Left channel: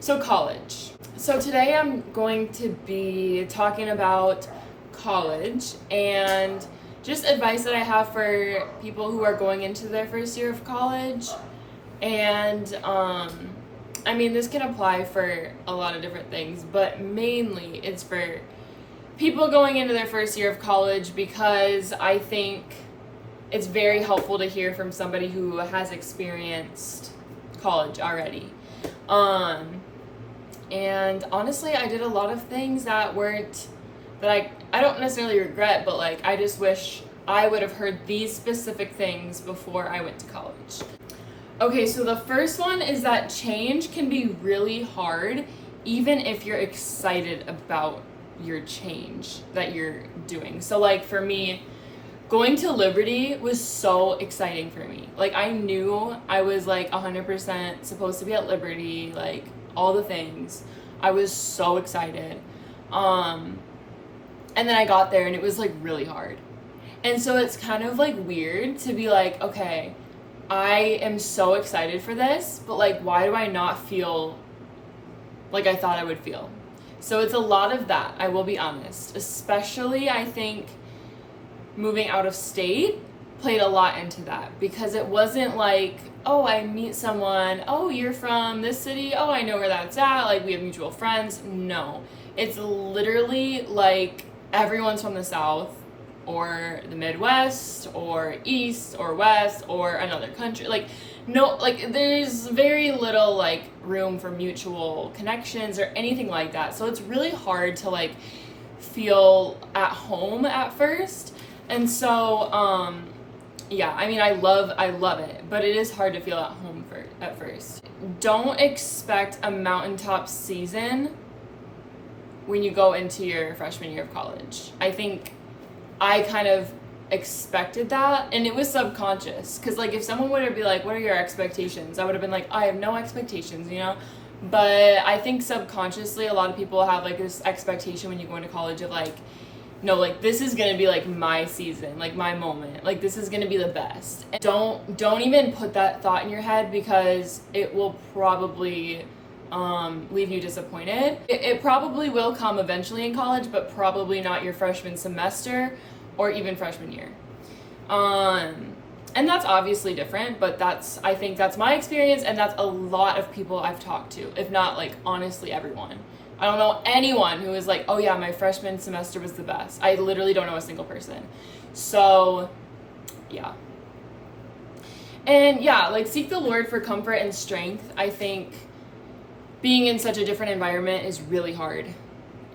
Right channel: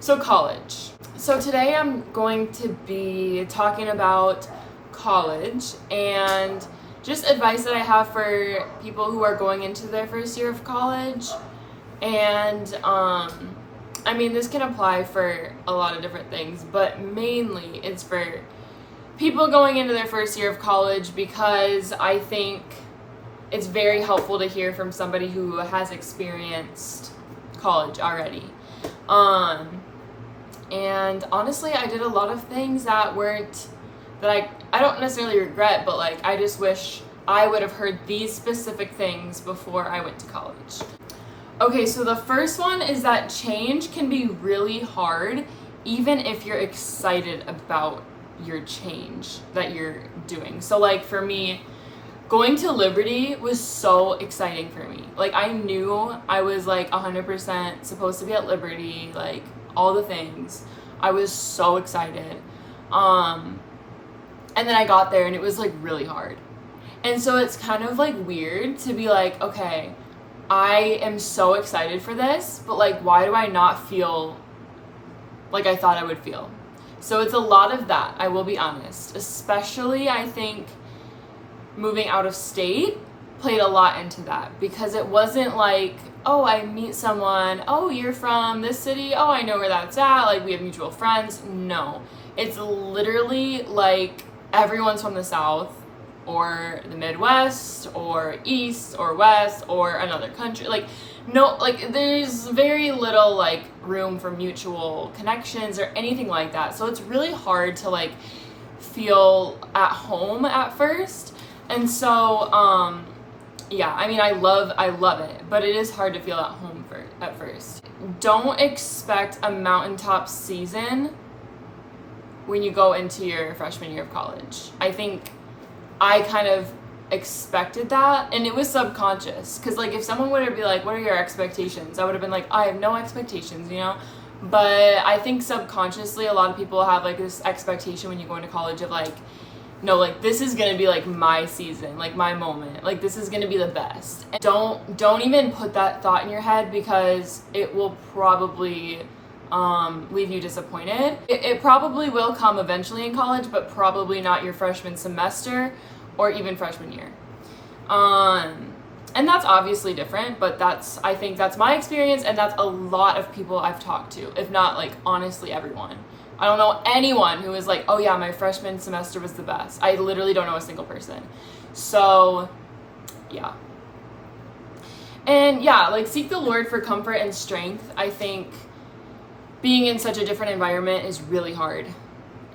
So college. So today I'm going to be talking about college and just advice that I have for people who are going into their first year of college. And I mean, this can apply for a lot of different things, but mainly it's for people going into their first year of college because I think it's very helpful to hear from somebody who has experienced college already. And honestly, I did a lot of things that I don't necessarily regret, but like I just wish I would have heard these specific things before I went to college. Okay, so the first one is that change can be really hard even if you're excited about your change that you're doing. So like for me, going to Liberty was so exciting for me. Like I knew I was like 100% supposed to be at Liberty, like all the things. I was so excited. And then I got there and it was like really hard. And so it's kind of like weird to be like, okay, I am so excited for this, but like why do I not feel like I thought I would feel? So it's a lot of that, I will be honest. Especially I think moving out of state played a lot into that because it wasn't like, oh, I meet someone, oh, you're from this city, oh, I know where that's at, like we have mutual friends. No, it's literally like everyone's from the South or the Midwest or East or West or another country. Like no, like there's very little like room for mutual connections or anything like that. So it's really hard to like feel at home at first. And so, yeah, I mean, I love it, but it is hard to feel at home at first. Don't expect a mountaintop season when you go into your freshman year of college. I think I kind of expected that, and it was subconscious, because like if someone would be like, what are your expectations? I would have been like, I have no expectations, you know? But I think subconsciously a lot of people have like this expectation when you go into college of like, no, like this is gonna be like my season, like my moment, like this is gonna be the best. And don't even put that thought in your head because it will probably leave you disappointed. It probably will come eventually in college, but probably not your freshman semester or even freshman year. And that's obviously different, but I think that's my experience, and that's a lot of people I've talked to, if not like honestly everyone. I don't know anyone who is like, oh yeah, my freshman semester was the best. I literally don't know a single person. So, yeah. And yeah, like seek the Lord for comfort and strength. I think being in such a different environment is really hard.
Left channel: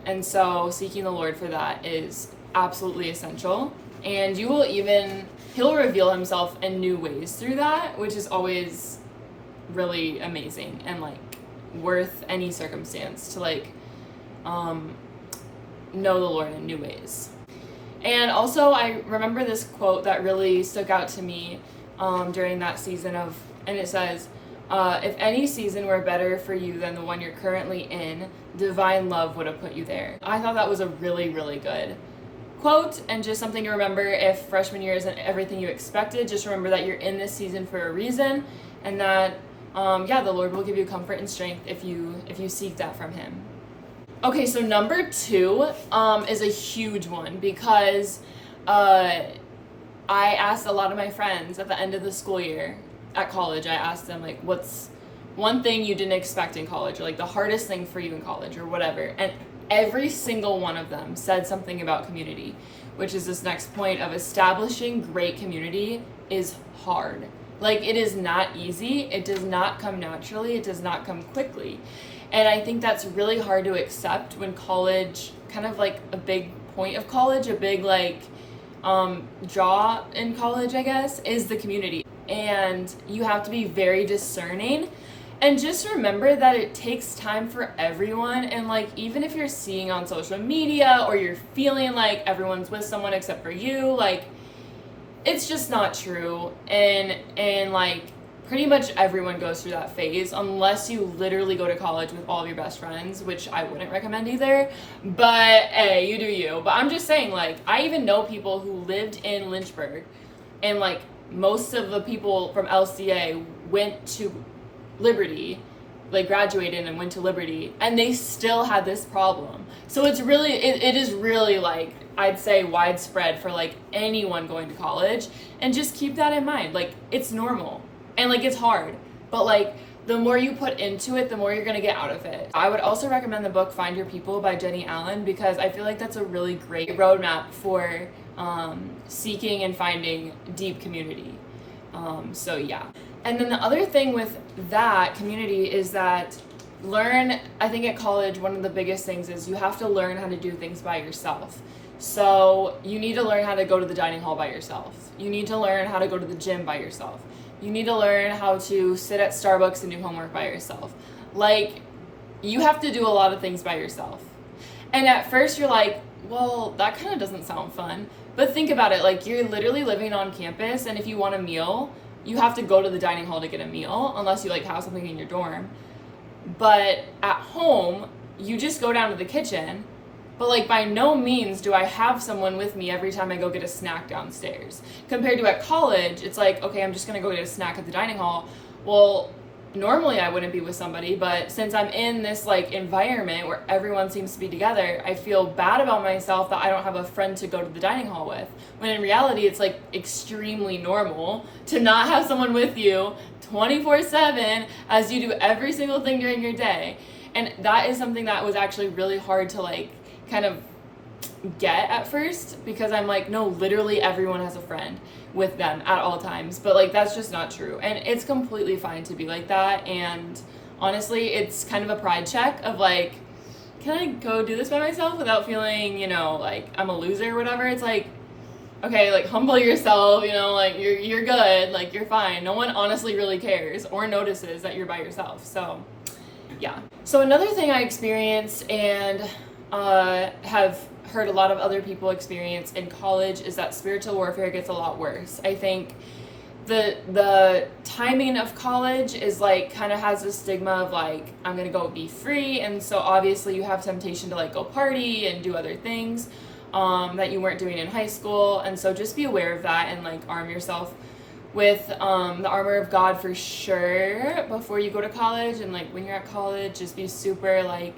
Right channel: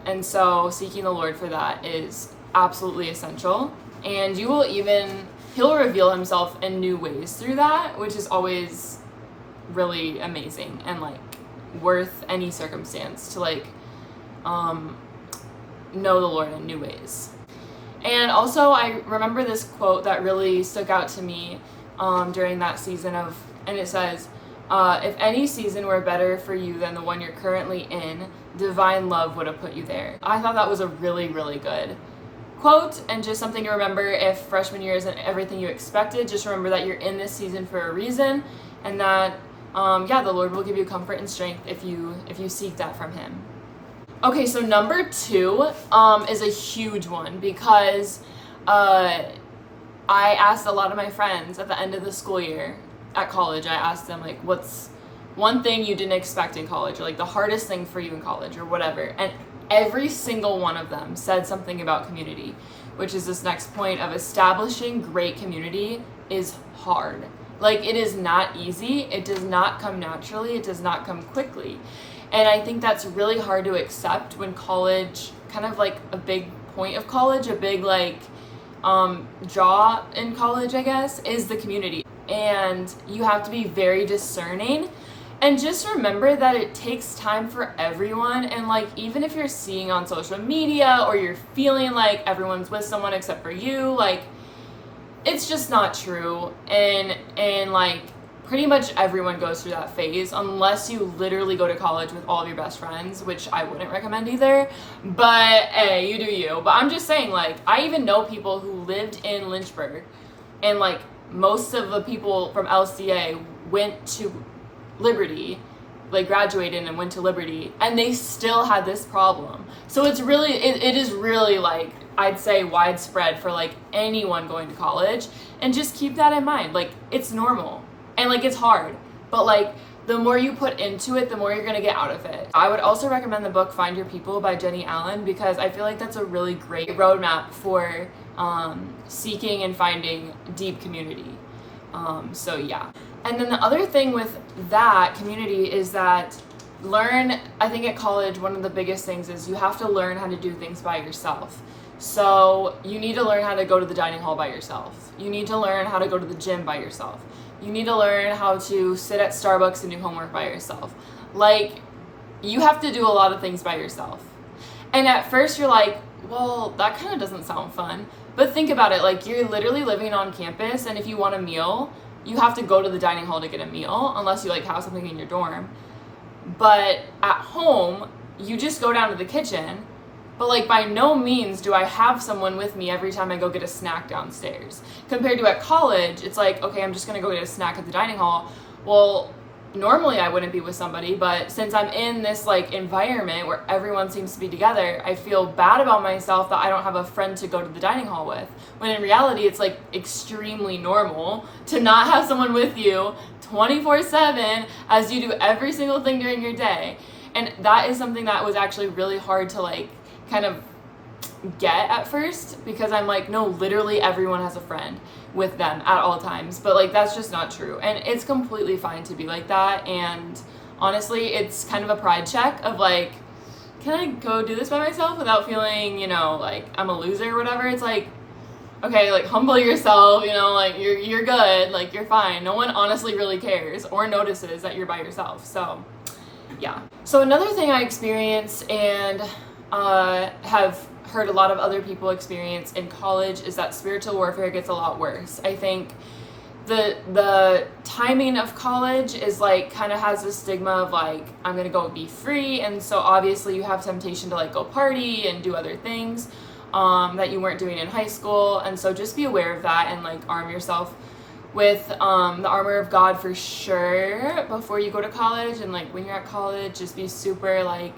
And so seeking the Lord for that is absolutely essential. And He'll reveal himself in new ways through that, which is always really amazing and like worth any circumstance to like know the Lord in new ways. And also I remember this quote that really stuck out to me during that season and it says, if any season were better for you than the one you're currently in, divine love would have put you there. I thought that was a really, really good quote, and just something to remember if freshman year isn't everything you expected. Just remember that you're in this season for a reason, and that the Lord will give you comfort and strength if you seek that from Him. Okay, so number 2 is a huge one because I asked a lot of my friends at the end of the school year at college. I asked them like, what's one thing you didn't expect in college, or like the hardest thing for you in college, or whatever. And every single one of them said something about community, which is this next point of establishing great community is hard. Like it is not easy. It does not come naturally. It does not come quickly. And I think that's really hard to accept when college, kind of like a big point of college, a big like draw in college, I guess, is the community. And you have to be very discerning. And just remember that it takes time for everyone. And like, even if you're seeing on social media or you're feeling like everyone's with someone except for you, like it's just not true. And like pretty much everyone goes through that phase unless you literally go to college with all of your best friends, which I wouldn't recommend either. But hey, you do you. But I'm just saying, like, I even know people who lived in Lynchburg, and like most of the people from LCA went to Liberty like graduated and went to Liberty, and they still had this problem. So it's really, it is really like, I'd say widespread for like anyone going to college, and just keep that in mind. Like, it's normal and like it's hard, but like the more you put into it, the more you're gonna get out of it. I would also recommend the book Find Your People by Jenny Allen, because I feel like that's a really great roadmap for seeking and finding deep community. So yeah. And then the other thing with that community is that I think at college, one of the biggest things is you have to learn how to do things by yourself. So you need to learn how to go to the dining hall by yourself. You need to learn how to go to the gym by yourself. You need to learn how to sit at Starbucks and do homework by yourself. Like, you have to do a lot of things by yourself. And at first you're like, well, that kind of doesn't sound fun. But think about it, like, you're literally living on campus, and if you want a meal, you have to go to the dining hall to get a meal, unless you like have something in your dorm. But at home, you just go down to the kitchen. But like, by no means do I have someone with me every time I go get a snack downstairs. Compared to at college, it's like, okay, I'm just gonna go get a snack at the dining hall. Well, normally I wouldn't be with somebody, but since I'm in this like environment where everyone seems to be together, I feel bad about myself that I don't have a friend to go to the dining hall with. When in reality, it's like extremely normal to not have someone with you 24/7 as you do every single thing during your day. And that is something that was actually really hard to like kind of get at first, because I'm like, no, literally everyone has a friend with them at all times. But like, that's just not true, and it's completely fine to be like that. And honestly, it's kind of a pride check of like, can I go do this by myself without feeling, you know, like I'm a loser or whatever. It's like, okay, like humble yourself, you know, like you're good, like you're fine. No one honestly really cares or notices that you're by yourself. So yeah. So another thing I experienced and have heard a lot of other people experience in college is that spiritual warfare gets a lot worse. I think the timing of college is like kind of has this stigma of like, I'm gonna go be free, and so obviously you have temptation to like go party and do other things that you weren't doing in high school. And so just be aware of that and like arm yourself with the armor of God for sure before you go to college. And like when you're at college, just be super like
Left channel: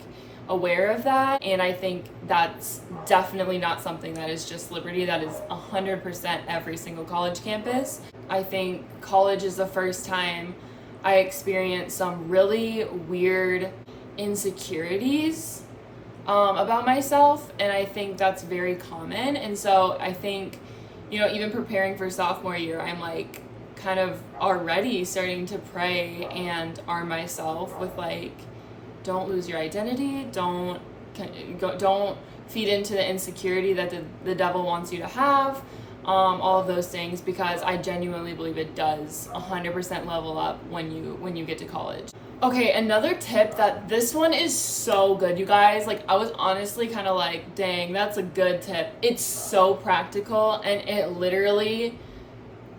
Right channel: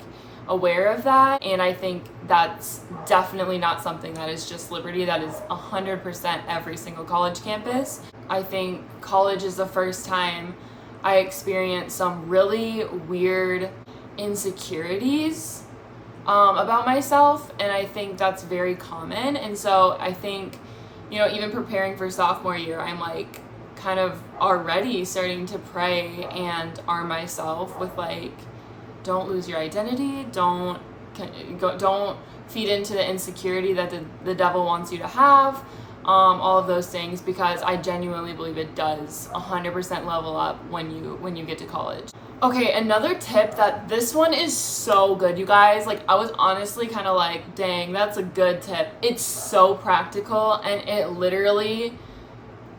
aware of that. And I think that's definitely not something that is just Liberty. That is 100% every single college campus. I think college is the first time I experienced some really weird insecurities about myself, and I think that's very common. And so I think, you know, even preparing for sophomore year, I'm like kind of already starting to pray and arm myself with like, don't lose your identity, don't feed into the insecurity that the devil wants you to have, all of those things, because I genuinely believe it does 100% level up when you get to college. Okay, another tip, that this one is so good, you guys. Like, I was honestly kind of like, dang, that's a good tip. It's so practical, and it literally,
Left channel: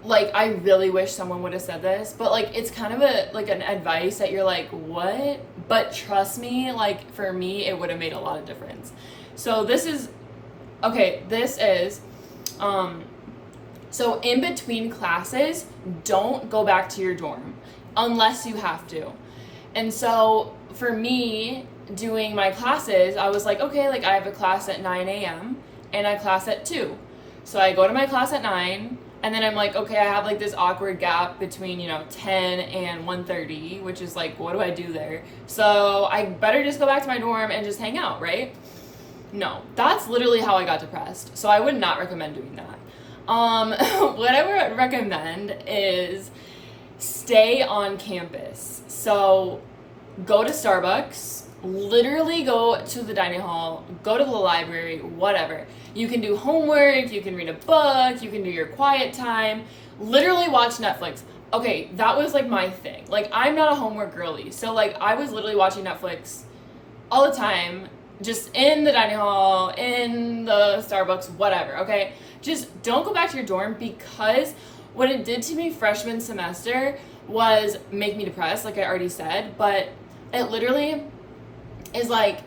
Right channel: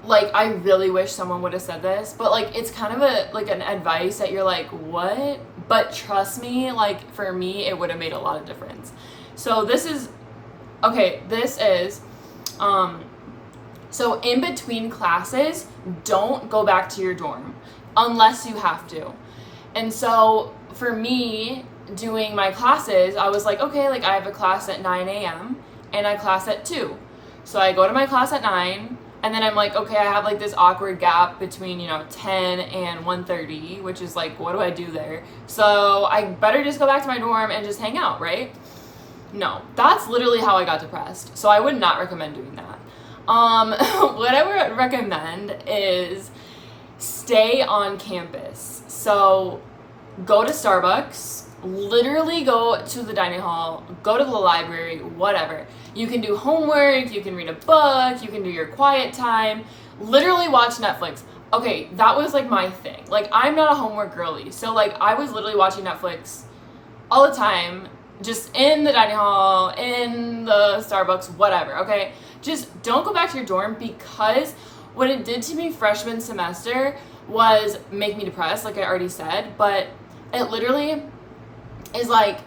like, I really wish someone would have said this, but like, it's kind of an advice that you're like, what? But trust me, like, for me, it would have made a lot of difference. So this is, so in between classes, don't go back to your dorm unless you have to. And so for me, doing my classes, I was like, okay, like I have a class at 9 a.m. and I class at 2. So I go to my class at 9, and then I'm like, okay, I have like this awkward gap between, 10 and 1:30, which is like, what do I do there? So I better just go back to my dorm and just hang out, right? No, that's literally how I got depressed. So I would not recommend doing that. What I would recommend is stay on campus. So go to Starbucks, literally go to the dining hall, go to the library, whatever. You can do homework, you can read a book, you can do your quiet time, literally watch Netflix. Okay, that was like my thing. Like, I'm not a homework girly, so like I was literally watching Netflix all the time, just in the dining hall, in the Starbucks, whatever, okay? Just don't go back to your dorm, because what it did to me freshman semester was make me depressed, like I already said, but it literally is like,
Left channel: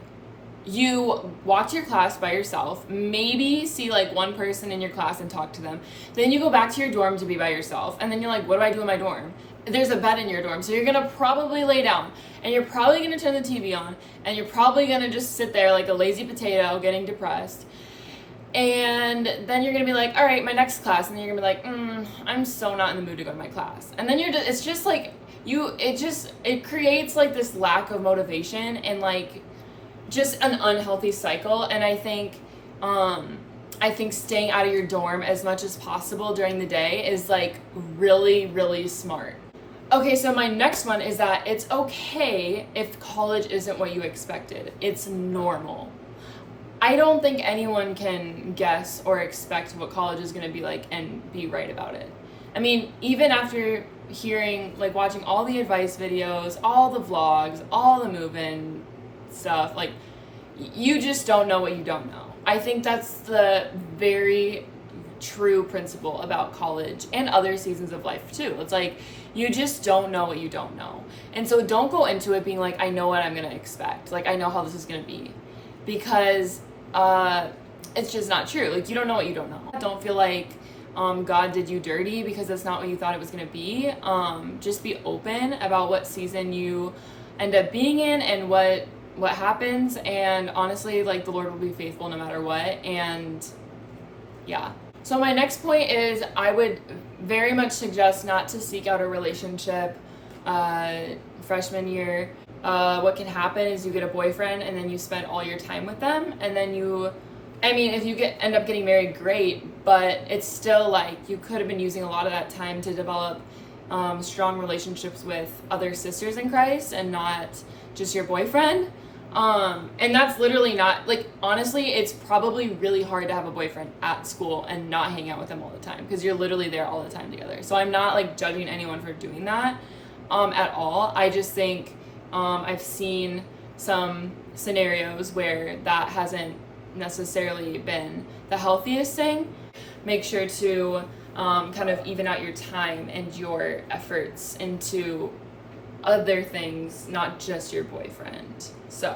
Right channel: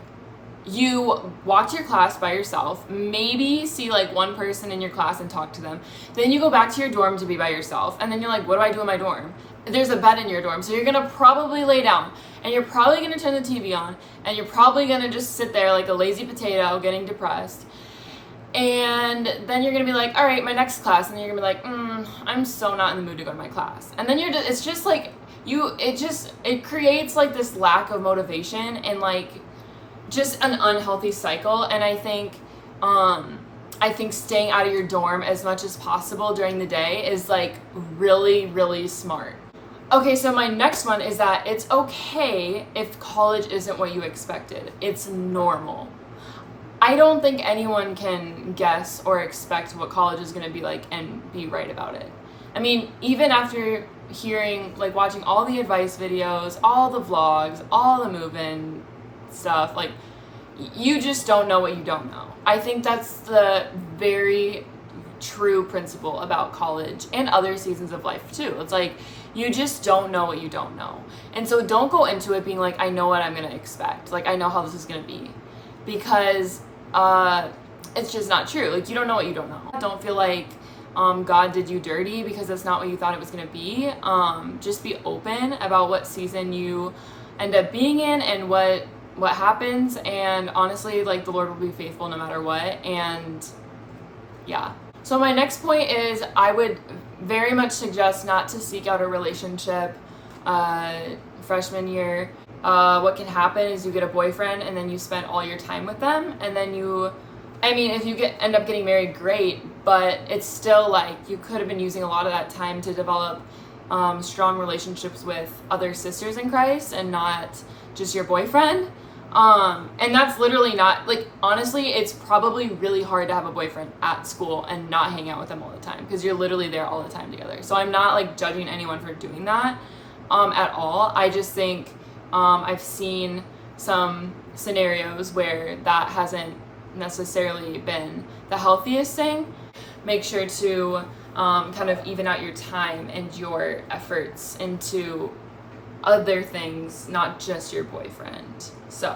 you watch your class by yourself, maybe see like one person in your class and talk to them, then you go back to your dorm to be by yourself, and then you're like, what do I do in my dorm? There's a bed in your dorm, so you're gonna probably lay down, and you're probably going to turn the TV on, and you're probably going to just sit there like a lazy potato getting depressed. And then you're going to be like, all right, my next class. And you're going to be like, I'm so not in the mood to go to my class. And then it's just like, it creates like this lack of motivation and like just an unhealthy cycle. And I think staying out of your dorm as much as possible during the day is like really, really smart. Okay, so my next one is that it's okay if college isn't what you expected. It's normal. I don't think anyone can guess or expect what college is going to be like and be right about it. I mean, even after hearing, like watching all the advice videos, all the vlogs, all the move-in stuff, like you just don't know what you don't know. I think that's the very true principle about college and other seasons of life too. It's like you just don't know what you don't know. And so don't go into it being like, I know what I'm going to expect. Like I know how this is going to be. Because it's just not true. Like you don't know what you don't know. Don't feel like God did you dirty because that's not what you thought it was going to be. Just be open about what season you end up being in and what happens, and honestly, like the Lord will be faithful no matter what. And yeah. So my next point is I would very much suggest not to seek out a relationship freshman year. What can happen is you get a boyfriend and then you spend all your time with them, and then if you end up getting married, great, but it's still like you could have been using a lot of that time to develop strong relationships with other sisters in Christ and not just your boyfriend. And that's literally not, like, honestly, it's probably really hard to have a boyfriend at school and not hang out with them all the time because you're literally there all the time together. So I'm not like judging anyone for doing that at all. I just think I've seen some scenarios where that hasn't necessarily been the healthiest thing. Make sure to kind of even out your time and your efforts into other things, not just your boyfriend. So,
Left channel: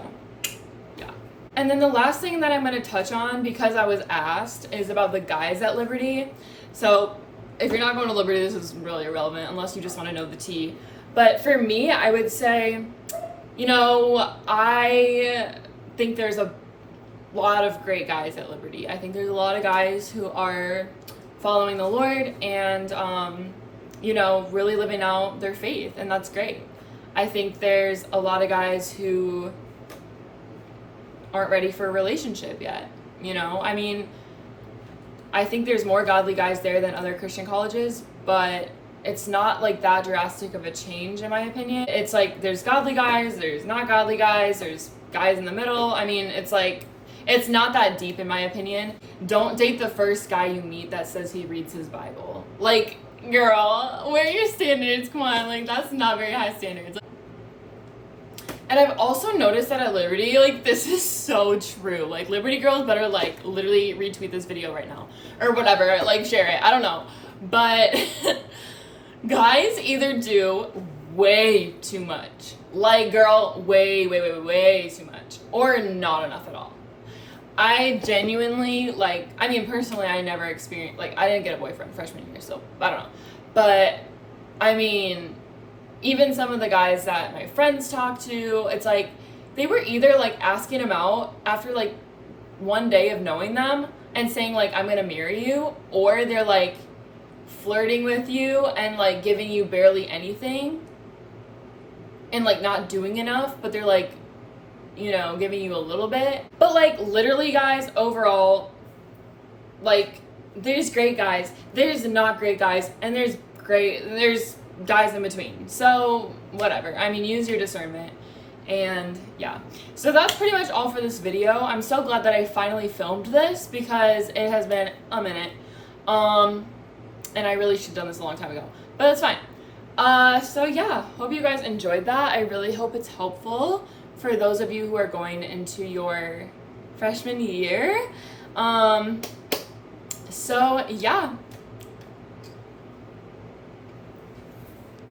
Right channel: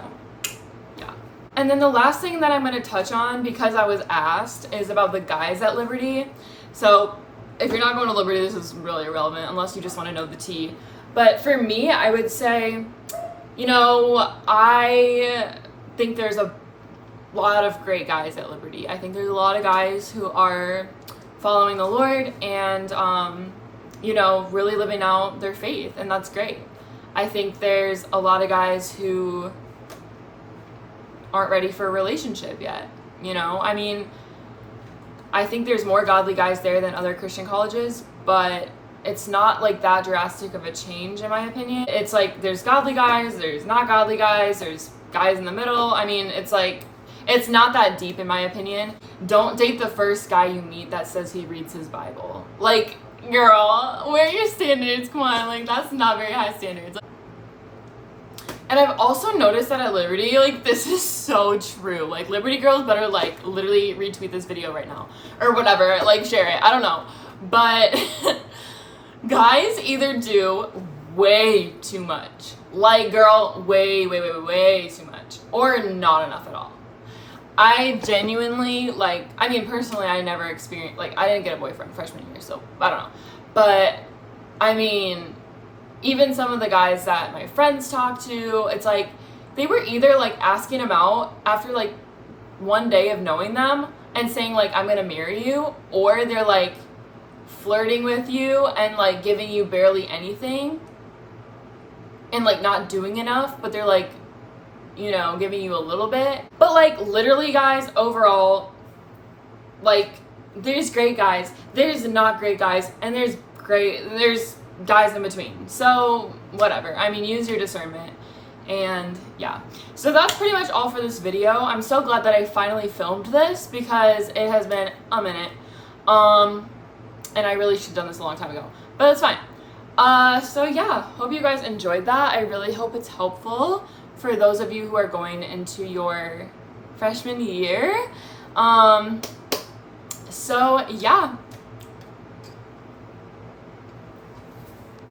yeah. And then the last thing that I'm going to touch on, because I was asked, is about the guys at Liberty. So, if you're not going to Liberty, this is really irrelevant unless you just want to know the tea. But for me, I would say, I think there's a lot of great guys at Liberty. I think there's a lot of guys who are following the Lord and, really living out their faith, and that's great. I think there's a lot of guys who aren't ready for a relationship yet, I think there's more godly guys there than other Christian colleges, but it's not like that drastic of a change in my opinion. It's like there's godly guys, there's not godly guys, there's guys in the middle. It's like, it's not that deep in my opinion. Don't date the first guy you meet that says he reads his Bible. Like, girl, where are your standards? Come on, like that's not very high standards. And I've also noticed that at Liberty, like this is so true. Like Liberty girls better like literally retweet this video right now or whatever, like share it. I don't know. But guys either do way too much. Like girl, way too much. Or not enough at all. I genuinely, personally, I never experienced, I didn't get a boyfriend freshman year, so I don't know. But, even some of the guys that my friends talk to, it's like, they were either, asking him out after, one day of knowing them and saying, I'm gonna marry you, or they're, flirting with you and, giving you barely anything and, not doing enough, but they're, giving you a little bit. But literally guys, overall, there's great guys, there's not great guys, and there's guys in between. So whatever. Use your discernment. And yeah. So that's pretty much all for this video. I'm so glad that I finally filmed this because it has been a minute. And I really should have done this a long time ago. But that's fine. So yeah, hope you guys enjoyed that. I really hope it's helpful for those of you who are going into your freshman year. So yeah,